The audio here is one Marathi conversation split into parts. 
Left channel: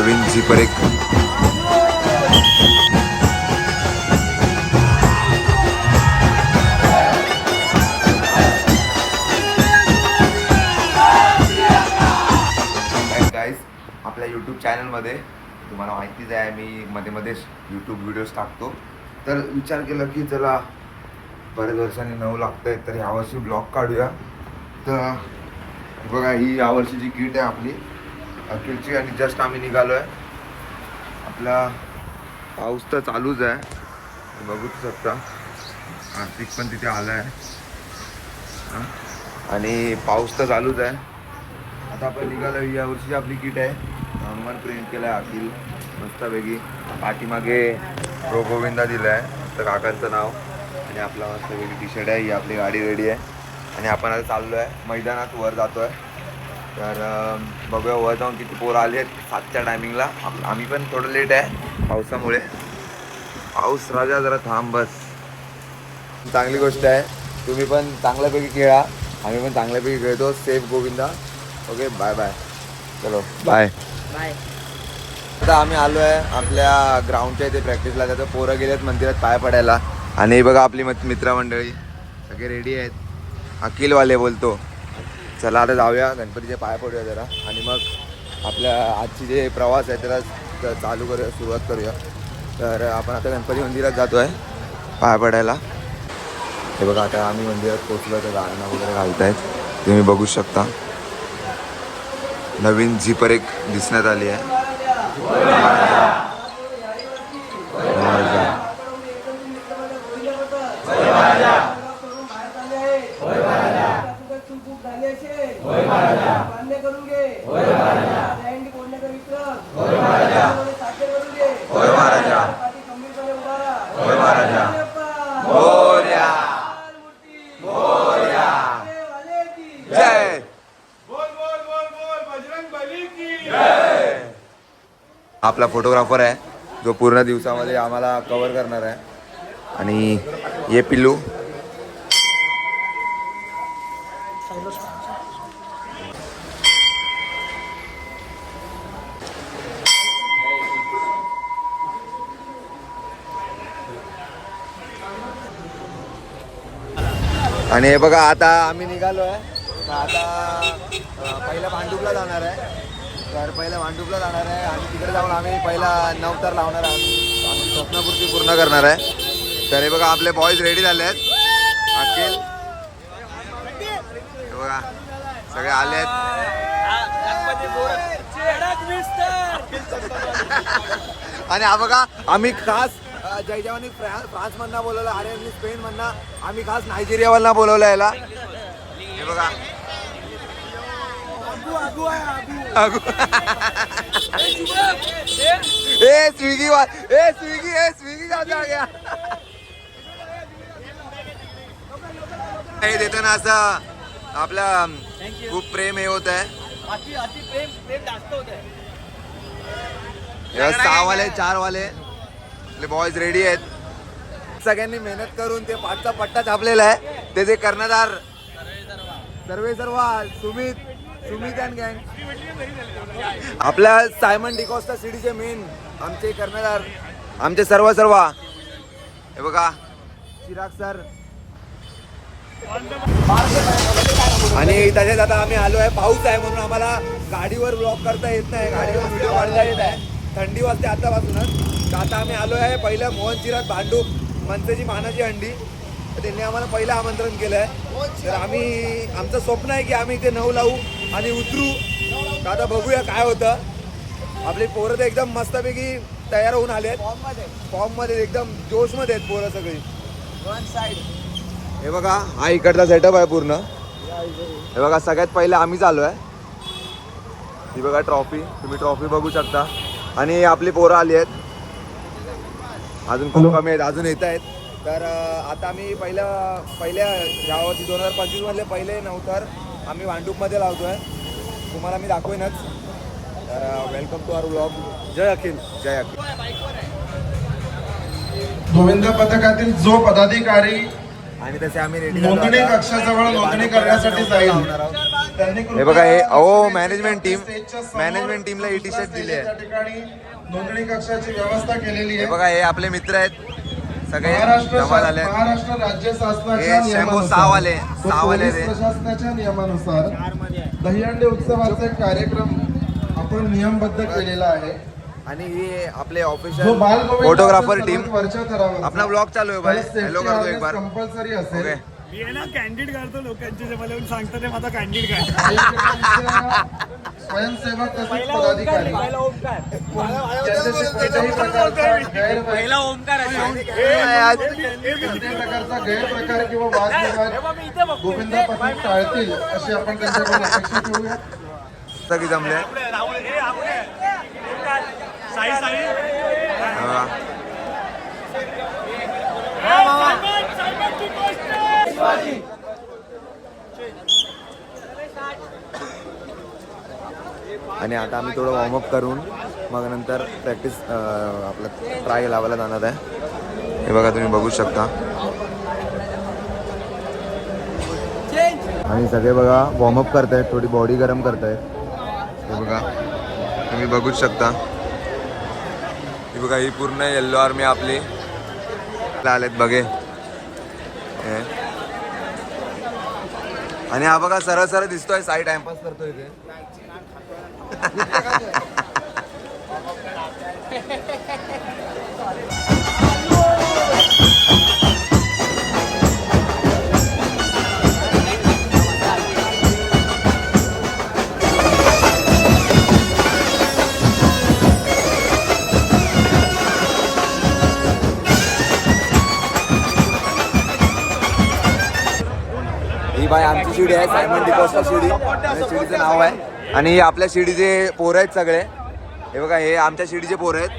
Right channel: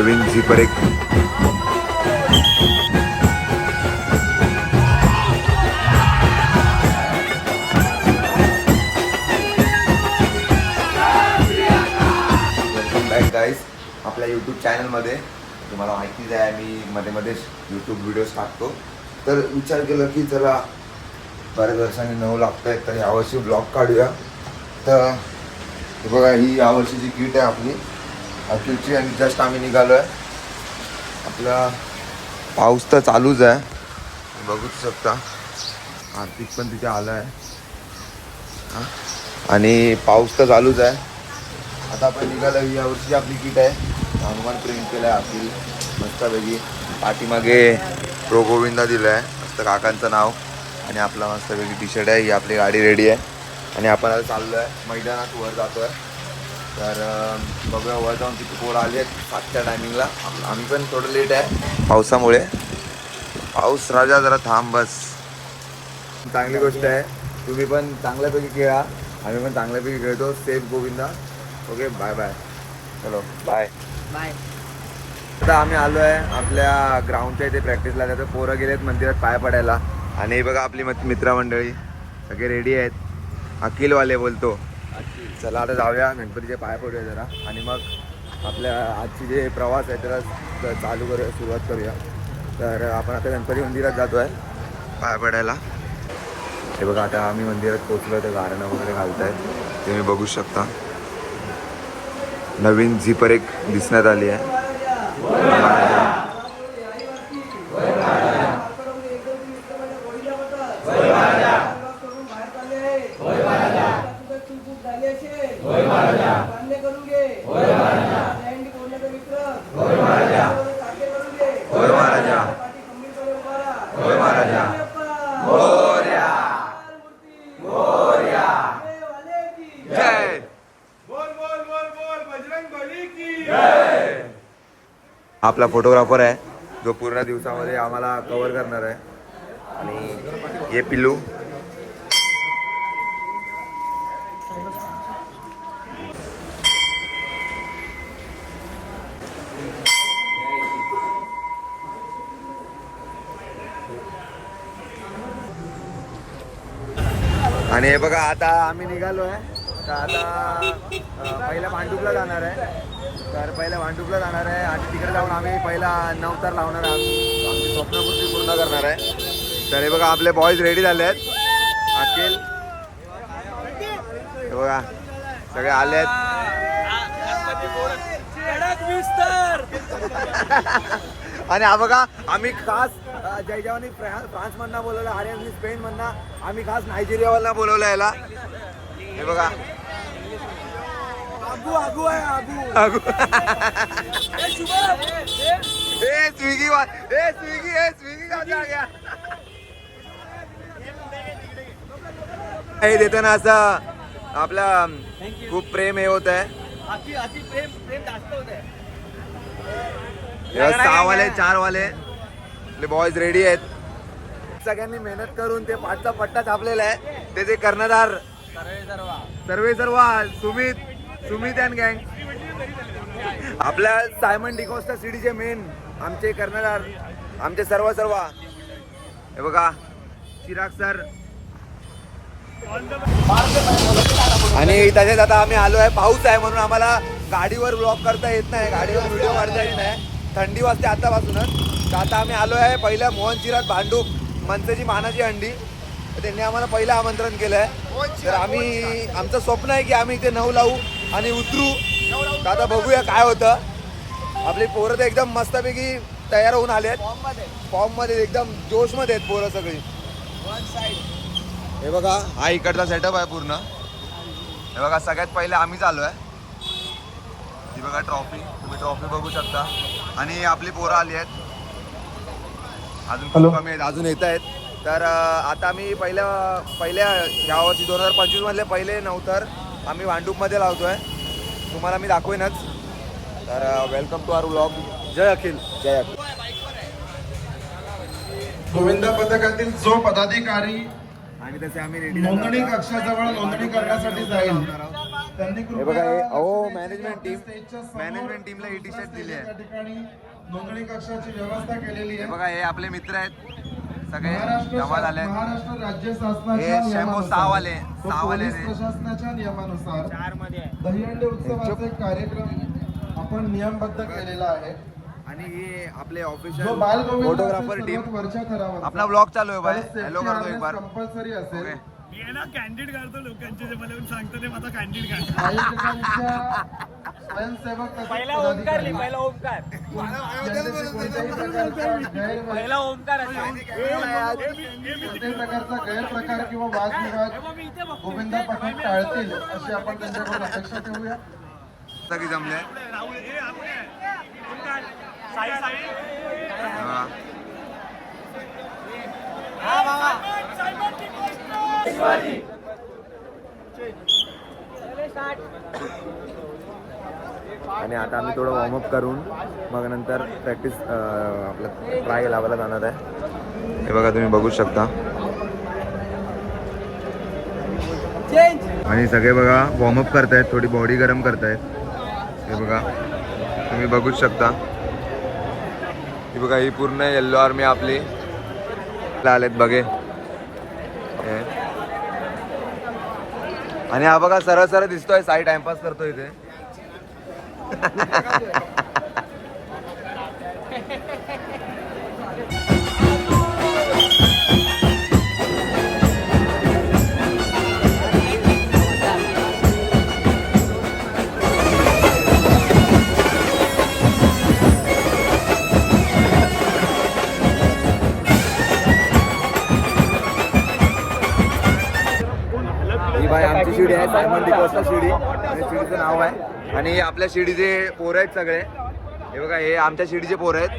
नवीन झिपर एक गाईज आपल्या यूट्यूब चॅनलमध्ये तुम्हाला माहितीच आहे मी मध्ये मध्येच यूट्यूब व्हिडिओज टाकतो. तर विचार केला की चला बऱ्याच वर्षांनी नऊ लागत आहे तर यावर्षी ब्लॉग काढूया. तर हे बघा ही यावर्षीची किट आहे आपली ॲक्च्युअलची आणि जस्ट आम्ही निघालो आहे. आपला पाऊस तर चालूच आहे बघूच शकता. आर्थिक पण तिथे आलं आहे आणि पाऊस तर चालूच आहे. आता आपण निघालो ही यावर्षी आपली किट आहे. हनुमान प्रिंट केलं आहे आतील मस्तपैकी. पाठीमागे प्रो गोविंदा दिलं आहे मस्त काकांचं नाव आणि आपला मस्तपैकी टी शर्ट आहे. ही आपली गाडी रेडी आहे आणि आपण आता चाललो आहे मैदानात वर जातो आहे. तर बघूया वर जाऊन किती पोरं आली आहेत 7च्या टायमिंगला. आम्ही पण थोडं लेट आहे पावसामुळे. पाऊस राजा जरा थांब बस. चांगली गोष्ट आहे. तुम्ही पण चांगल्यापैकी खेळा आम्ही पण चांगल्यापैकी खेळतो. Safe Govinda. Okay bye bye. चलो बाय बाय. आता आम्ही आलो आहे आपल्या ग्राउंडच्या इथे प्रॅक्टिसला. त्याचं पोरं गेलेत मंदिरात पाय पडायला आणि बघा आपली मित्रमंडळी सगळे रेडी आहेत. अखिलवाले बोलतो. चला आता जाऊया गणपतीचे पाय पडूया जरा आणि मग आपल्या आजची जे प्रवास आहे त्याला चालू करूया सुरुवात करूया. तर आपण आता गणपती मंदिरात जातो आहे पाय पडायला. हे बघा आता आम्ही मंदिरात पोचलो तर गारणं वगैरे घालत आहेत ते मी बघू शकता. नवीन झिपर एक दिसण्यात आली आहे. आपला फोटोग्राफर आहे जो पूर्ण दिवसामध्ये आम्हाला कव्हर करणार आहे. आणि ये पिल्लू आणि हे बघा आता आम्ही निघालो आहे. तर आता पहिला भांडुपला जाणार आहे. तर पहिल्या भांडुपला जाणार आहे आणि तिकडे जाऊन आम्ही पहिला नवतार लावणार आहे. आमची स्वप्नपूर्ती पूर्ण करणार आहे. तर हे बघा आपले बॉयज रेडी झाले आहेत. अखिल हे बघा सगळे आले आहेत. आणि हा बघा आम्ही खास जयजवानी फ्रान्स मधनं बोलवलं. आर्यननी स्पेन मधनं. आम्ही खास नायजेरिया मधनं बोलवलं याला. हे बघा हे देतो ना असं आपला खूप प्रेम हे होत आहे. 6 वाले 4 वाले आपले बॉयज रेडी आहेत. सगळ्यांनी मेहनत करून ते 5चा पट्टा छापलेला आहे. त्याचे कर्णधार सर्व सुमित अँड गँग. आपल्या सायमन डिकॉस्टा सिटीचे मेन आमचे कर्णधार आमचे सर्व हे बघा चिराग सर. आणि तसेच आता आम्ही आलो आहे. पाऊस आहे म्हणून आम्हाला गाडीवर ब्लॉग करता येत नाही. गाडीवर व्हिडिओ काढता येत नाही. थंडी वाजते आतापासूनच. तर आता आम्ही आलो आहे पहिल्या मोहन चिराग भांडूप मनसेची मानाची हंडी. त्यांनी आम्हाला पहिलं आमंत्रण केलं आहे. तर आम्ही आमचं स्वप्न आहे की आम्ही इथे 9 लावू आणि उतरू. तर आता बघूया काय होतं. आपली पोरं तर एकदम मस्तपैकी तयार होऊन आले आहेत. फॉर्ममध्ये एकदम जोशमध्ये आहेत पोरं सगळी. हे बघा हा इकडचा सेटअप आहे पूर्ण. हे बघा सगळ्यात पहिले आम्हीच आलो आहे. ही बघा ट्रॉफी. तुम्ही ट्रॉफी बघू शकता. आणि आपली पोरं आली आहेत. अजून खूप कमी आहेत अजून येत आहेत. तर आता आम्ही पहिल्या यावर्षी 2025 मधले पहिले नवतर आम्ही भांडूपमध्ये लावतो आहे. तुम्हाला मी दाखवेनच. तर वेलकम टू आवर व्लॉग. जय अखिल. जय अखिल. गोविंदा पथकातील जो पदाधिकारी आणि तसे आम्ही रेडी नोंदणी कक्षाजवळ नोंदणी करण्यासाठी जाईल त्यांनी हे बघा हे कृपया अहो लक्ष मॅनेजमेंट टीम द्यायचे. स्टेजच्या समोर मॅनेजमेंट टीमला ही टी शर्ट दिली त्या आहे. ठिकाणी नोंदणी कक्षाची व्यवस्था केलेली हे आहे. बघा हे आपले मित्र आहेत सगळे जमा झाले आहेत. महाराष्ट्र राज्य शासनाच्या हे शंभू नियमानुसार सहावाले व रे पोलीस प्रशासनाच्या नियमानुसार दहीहंडी उत्सवाचा एक कार्यक्रम आपण नियमबद्ध केलेला आहे. आणि हे आपले जो ऑफिशियल बाल गोविंद फोटोग्राफर असेल टीम सर्वात वरच्या थरावर अपना ब्लॉग चालू आहे भाई. हॅलो करतो एक बार. कंपल्सरी असेल. ओके मी आहे ना कॅन्डिड काढतो लोकांचे जे मला येऊन सांगतात ते माझा कॅन्डिड काढ. स्वयंसेवक तसेच पदाधिकारी पहिला ओमकार कोणत्याही प्रकारचा गैरप्रकार किंवा वादविवाद गोविंद पथक टाळतील अशी आपण त्यांच्याकडून अपेक्षा ठेवूया. सगळी जमले साई साई बघा. आणि आता आम्ही थोडं वॉर्मअप करून मग नंतर प्रॅक्टिस आपलं ट्राय लावायला जाणार आहे. हे बघा तुम्ही बघू शकता. आणि सगळे बघा वॉर्मअप करतायत, थोडी बॉडी गरम करतायत. हे बघा तुम्ही बघूच शकता. ही बघा ही पूर्ण येल्लो आर्मी आपली आलेत बघे. आणि हा बघा सरळ सरळ दिसतोय साई टाइमपास करतोय इथे. ही बाय आमची शिडी आहे सायमन डिकॉस्टा शिडी आणि शिडीचं नाव आहे. आणि आपल्या शिडीचे पोरं आहेत सगळे. हे बघा हे आमच्या शिडीचे पोरं आहेत.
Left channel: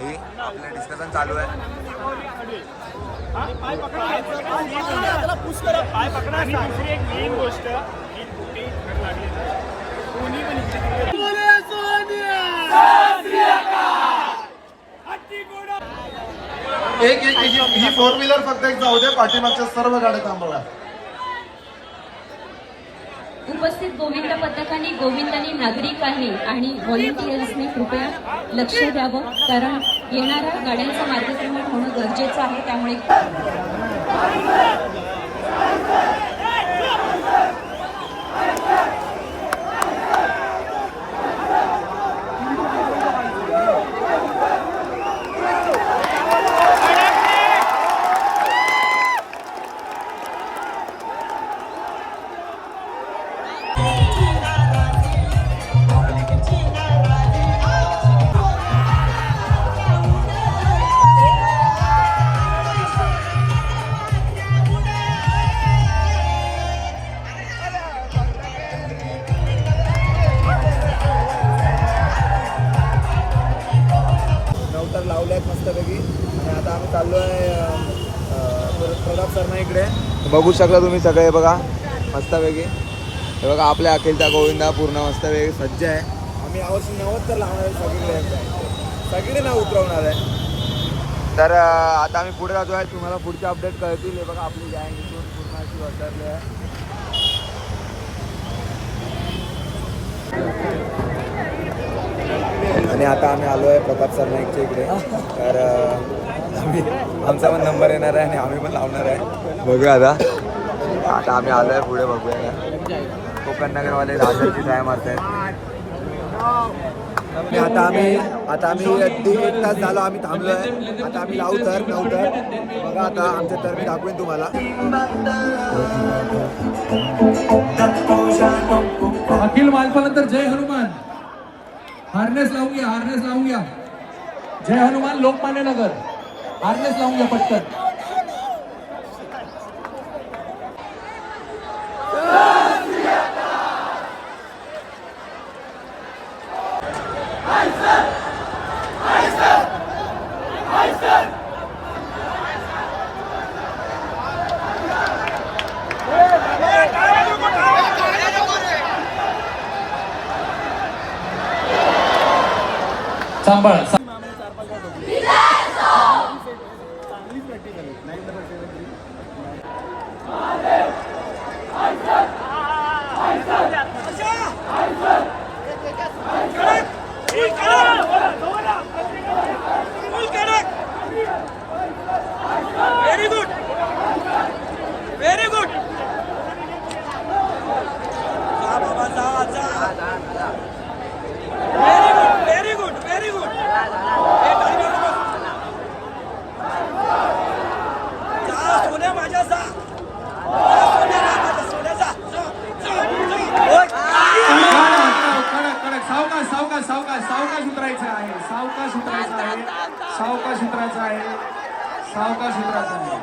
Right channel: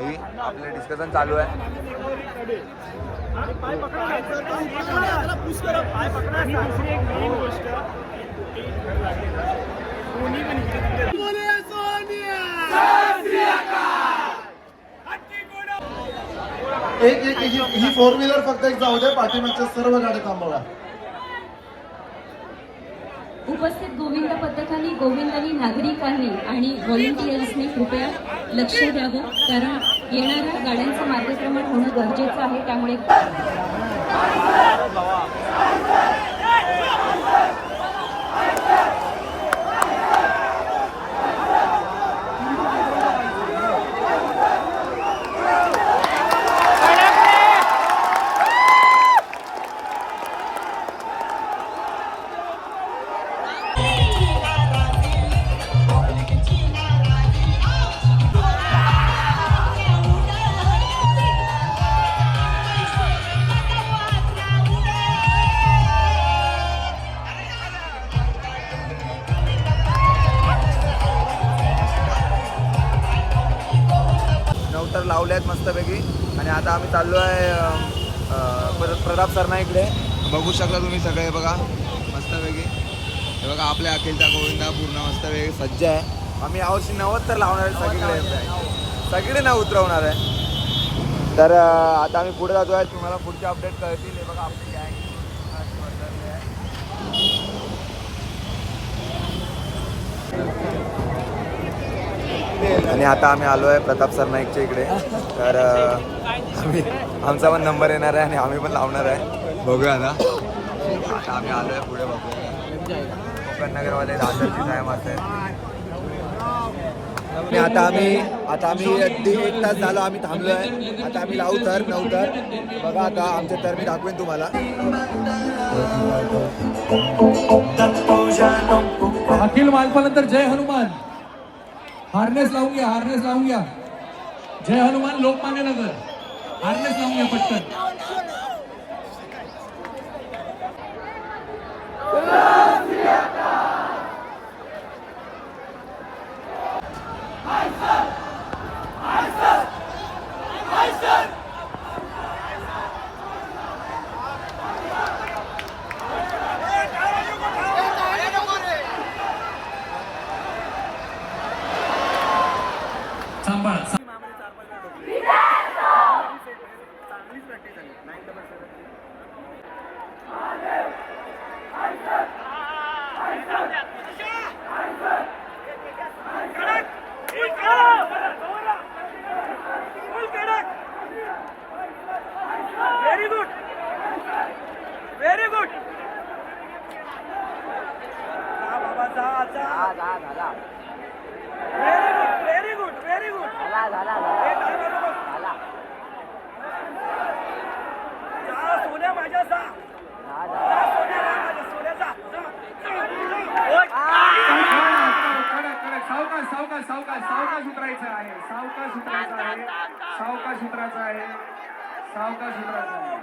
ही आपलं डिस्कशन चालू आहे. आणि दुसरी एक मेन गोष्ट ही फोर व्हीलर फक्त एक जाऊ दे, पाठीमागच्या सर्व गाड्या थांबवा. उपस्थित गोविंद पथकांनी गोविंदांनी नागरिकांनी आणि व्हॉलेंटियर्सने कृपया लक्ष द्यावं, कारण येणाऱ्या गाड्यांचं मार्गक्रमण होणं गरजेचं आहे. त्यामुळे नवतर लावले आहेत मस्तपैकी. आणि आता आम्ही चाललो आहे प्रताप सरना इकडे. बघू शकता तुम्ही सगळे बघा मस्तपैकी. हे बघा आपल्या अखिलचा गोविंदा पूर्ण मस्तपैकी सज्ज आहे. आम्ही यावर्षी 90 तर लावणार आहे सगळीकडे ना उतरवणार आहे. तर आता आम्ही पुढे जातो आहे. तुम्हाला पुढचे अपडेट कळतील. हे बघा आपली गँग आणि आता आम्ही आलो आहे प्रताप सरनाईकच्या इकडे. तर आमचा पण नंबर येणार आहे आणि आम्ही पण लावणार आहे. बघूया आता आम्ही आलो आहे पुढे. बघूया कोकण नगरमध्ये राजाची टाईम असेल. आणि आता आम्ही 1.5 तास झालो आम्ही थांबलो आहे. आता आम्ही लावू तर 9 तर बघा. आता आमचे तर मी दाखवेन तुम्हाला. अखिल मालपानंतर जय हनुमान. हार्नेस लावून घ्या, हार्नेस लावून घ्या. जय हनुमान लोकमान्य नगर. हार्नेस लावून घ्या पटकन. सांभाळा. आहे, सावकाश उतरायचं आहे, सावकाश उतरायचं आहे, सावकाश उतरायचं आहे.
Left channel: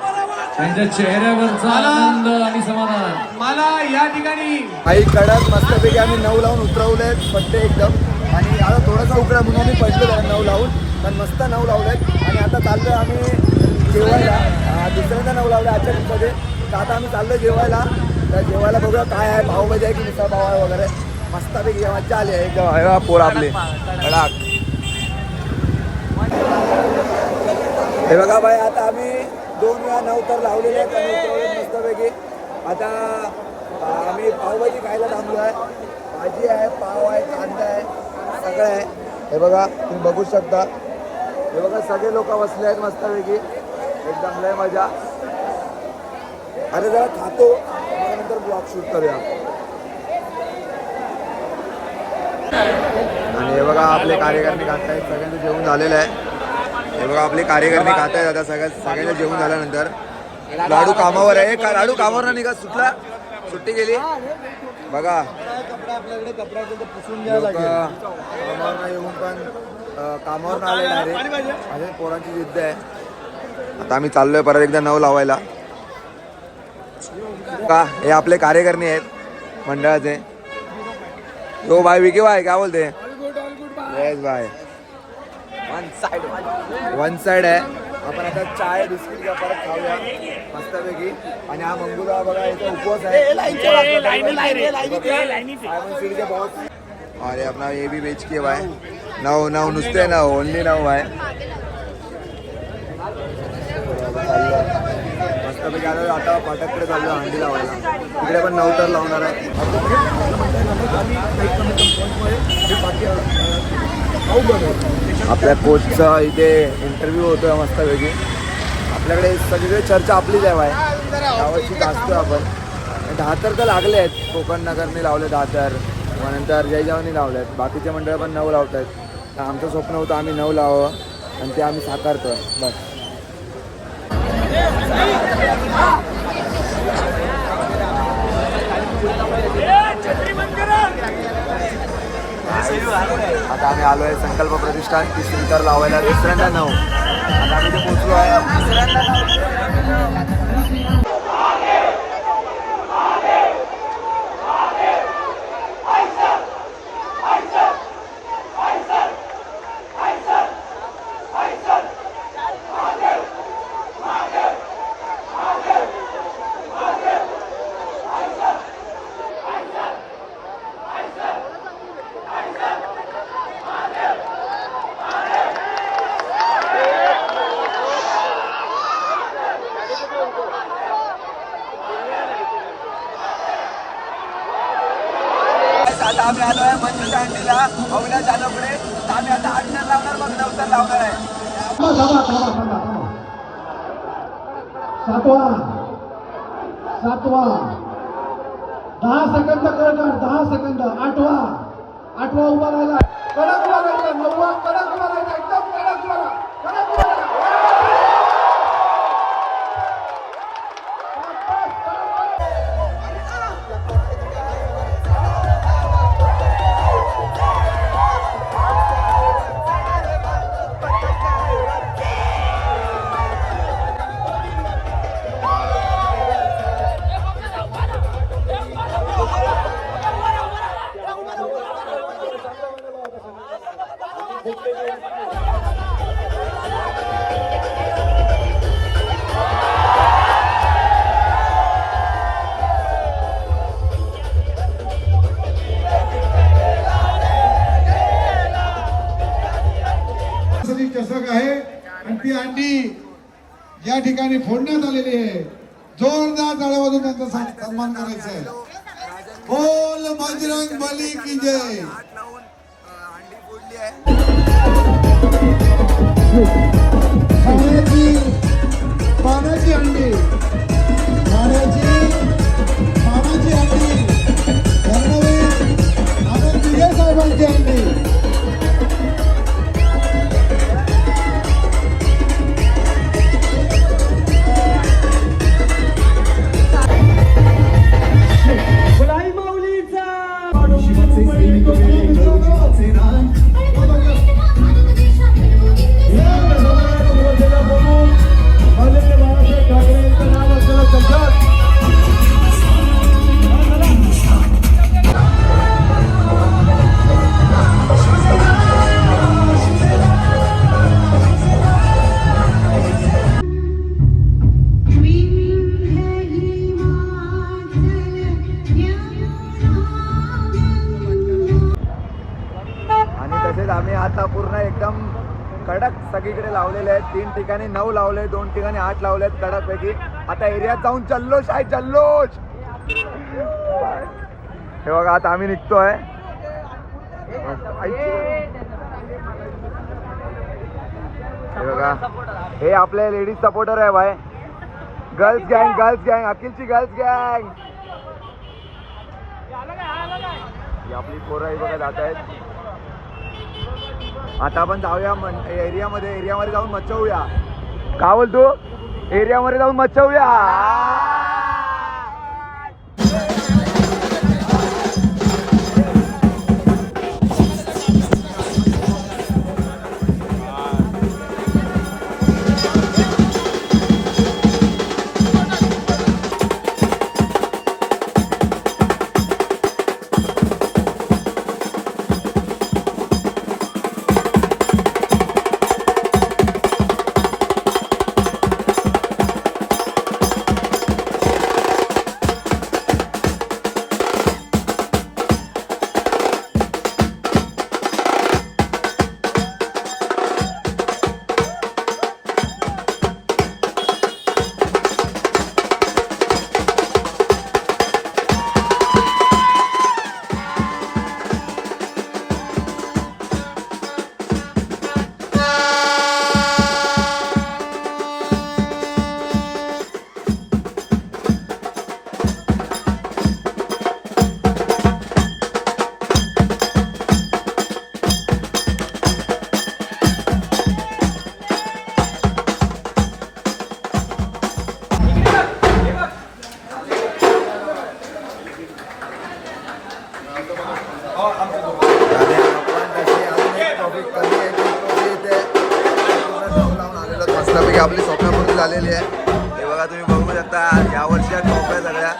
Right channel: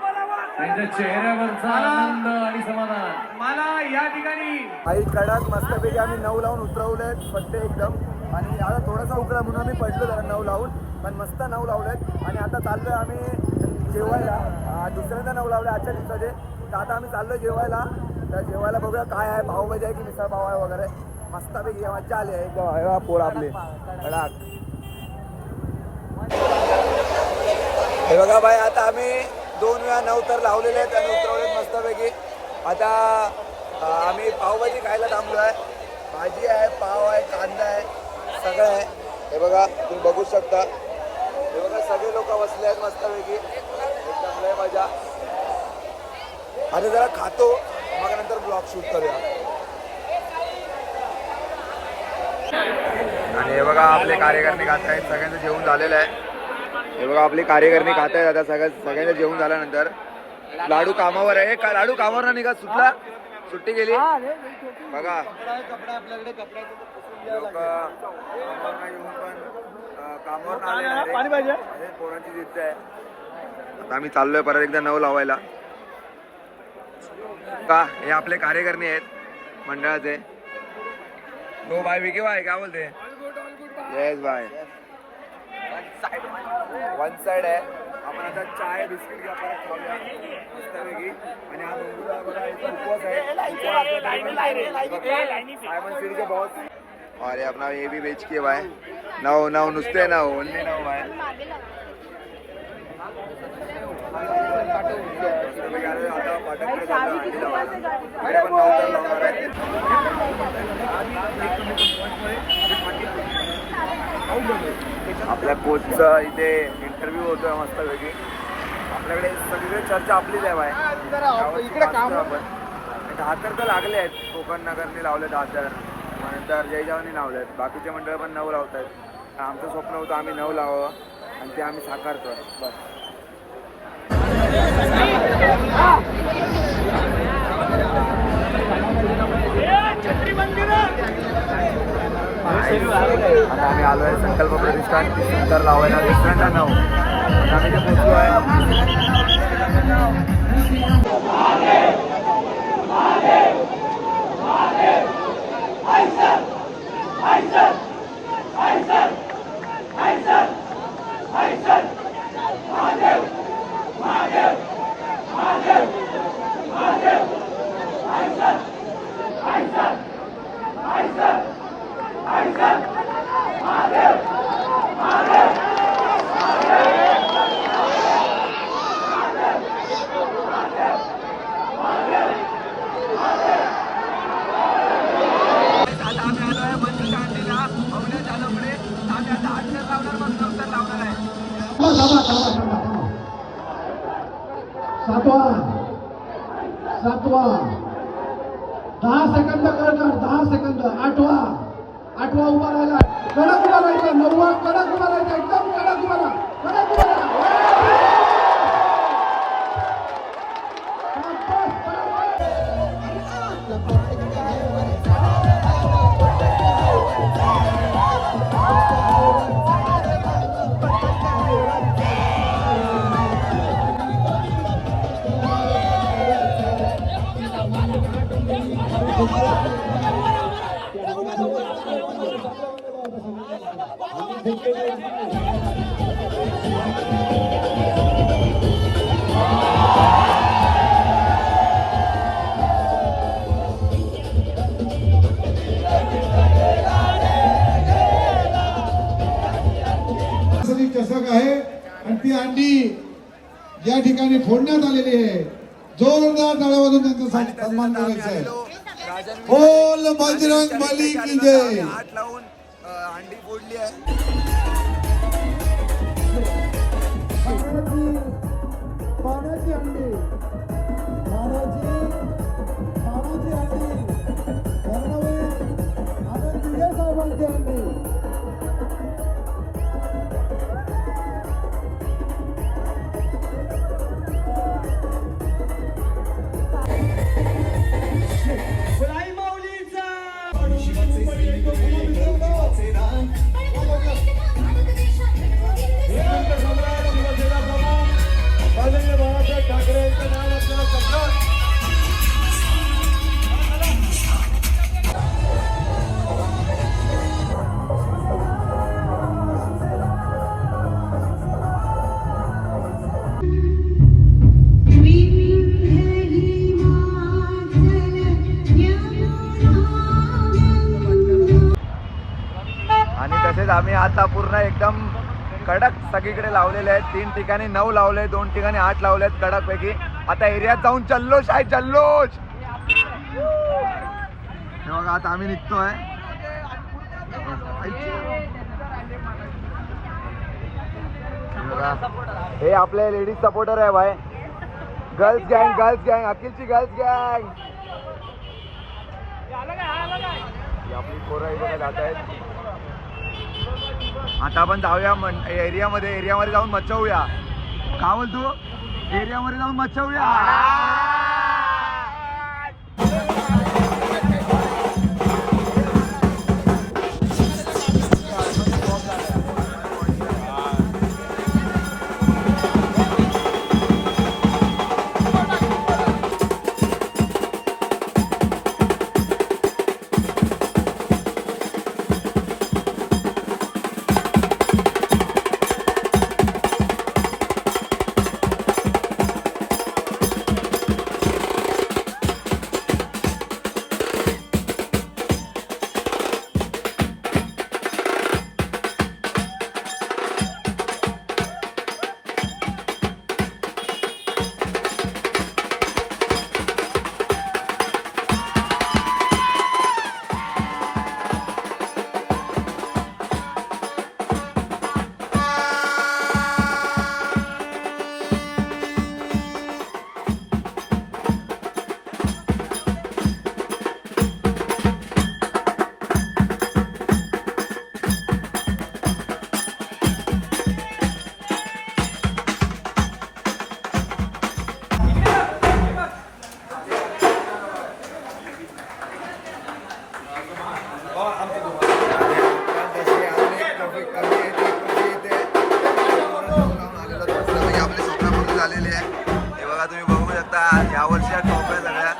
त्यांच्या चेहऱ्यावरचा आनंद आणि समाधान. मला या ठिकाणी काही कडक मस्तपैकी आम्ही 9 लावून उतरवले पट्टे एकदम. आणि आता थोडासा उकडा म्हणून आम्ही पडलो 9 लावून, पण मस्त 9 लावलेत. आणि आता चाललोय आम्ही जेवायला. दुसऱ्यांदा 9 लावले आजच्या दिवसामध्ये. तर आता आम्ही चाललोय जेवायला. तर जेवायला बघूया काय आहे, पावभाजी आहे की मिसळ पाव आहे वगैरे. मस्तपैकी मजा आली आहे एकदम. आहे पोर आपले कडक. हे बघा भाई, आता आम्ही 2 वेळा 9 तर लावलेले आहेत आणि उतरवलेत मस्तपैकी. आता आम्ही पावभाजी खायला थांबलो आहे. भाजी आहे, पाव आहे, कांदा आहे, सगळं आहे. हे बघा, तुम्ही बघू शकता. हे बघा, सगळे लोक बसले आहेत मस्तपैकी. एकदम लय मजा. आता जरा खातो, मग नंतर ब्लॉग शूट करूया. आणि हे बघा, आपले कार्यकर्ते खात आहेत. सगळ्यांचं जेवण झालेलं आहे. हे बघा, आपले कार्यकर्ते खात आहेत. आता सगळ्यांचं जेवण झाल्यानंतर लाडू कामावर आहे. का लाडू कामावर ना निघा, सुटला, सुट्टी गेली बघा. कपडा आपल्याकडे कपडा पुसून घ्यायला लागेल. कामावर येऊन पण कामावर अजून पोरांची युद्ध आहे. आता आम्ही चाललोय परत एकदा 9 लावायला. का हे आपले कार्यकर्ते आहेत मंडळाचे. तो भाई विकी भाई काय बोलते? येस भाई. वन साइड आहे. आपण आता चाय बिस्किट घ्या, परत खाऊया मस्तपैकी. आणि हा मंगूरा बघा, इथे उपवास आहे. अरे अपना ये भी बेच के भाई 9 नुसते 9 ओनली 9 आहे. मस्तपैकी आलो. आता फाटककडे चाललो हंडी लावायला. तिकडे पण 9 तर लावणार आहे. आपल्या कोचचा इथे इंटरव्ह्यू होतोय मस्तपैकी. आपल्याकडे सगळी चर्चा आपलीच आहे बाय. वाचतो आपण. 10 तर लागले आहेत. कोकण नगरने लावले 10. त्यानंतर जय जवानी लावले आहेत. बाकीचे मंडळ पण 9 लावतात. तर आमचं स्वप्न होतं आम्ही 9 लावावं आणि ते आम्ही साकारतो बस. आता आम्ही आलो आहे संकल्प प्रतिष्ठान तीर्थंकर लावायला. दुसऱ्यांदा 9 आम्ही इथे पोहोचलो आहे. आता आम्ही आलो आहे मंजूच्या हंडीला अवल्या जाधवकडे. तर आम्ही आता 8 तर लावणार, मग 9 तर लावणार आहे. 10 सेकंद करणार. 10 सेकंद. 8वा उभा राहिला. कडक उभा राहायचा. 9वा कडक उभा राहायचा. एकदम कडक उभा राहा. कडक उभा राहा. चषक आहे आणि ती अंडी या ठिकाणी फोडण्यात आलेली आहे. जोरदार टाळ्या वाजवून त्यांचा सन्मान करायचा आहे. बोल बजरंग बली की जय. 8 लावून हंडी फोडली आहे. पाण्याची अंडी. पाण्याची अंडी. धर्मवीर आनंद दिघे साहेबांची अंडी. माऊलीचा आम्ही आता पूर्ण एकदम कडक सगळीकडे लावलेले आहेत. 3 ठिकाणी 9 लावले, 2 ठिकाणी 8 लावले आहेत कडक पैकी. आता एरियात जाऊन जल्लोष आहे, जल्लोष. हे बघा आता आम्ही निघतोय. हे बघा हे आपले लेडीज सपोर्टर आहे भाई. गर्ल्स गँग, अखिलची गर्ल्स गँग. ही आपली पोरं बघा जात आहेत. आता आपण जाऊया एरियामध्ये जाऊन मच्छवूया. का बोलतो एरियामध्ये जाऊन मच्छवूया. आपली स्वप्नापूर्ती झालेली आहे. हे बघा तुम्ही बघू शकता या वर्षी ट्रॉफ्या सगळ्या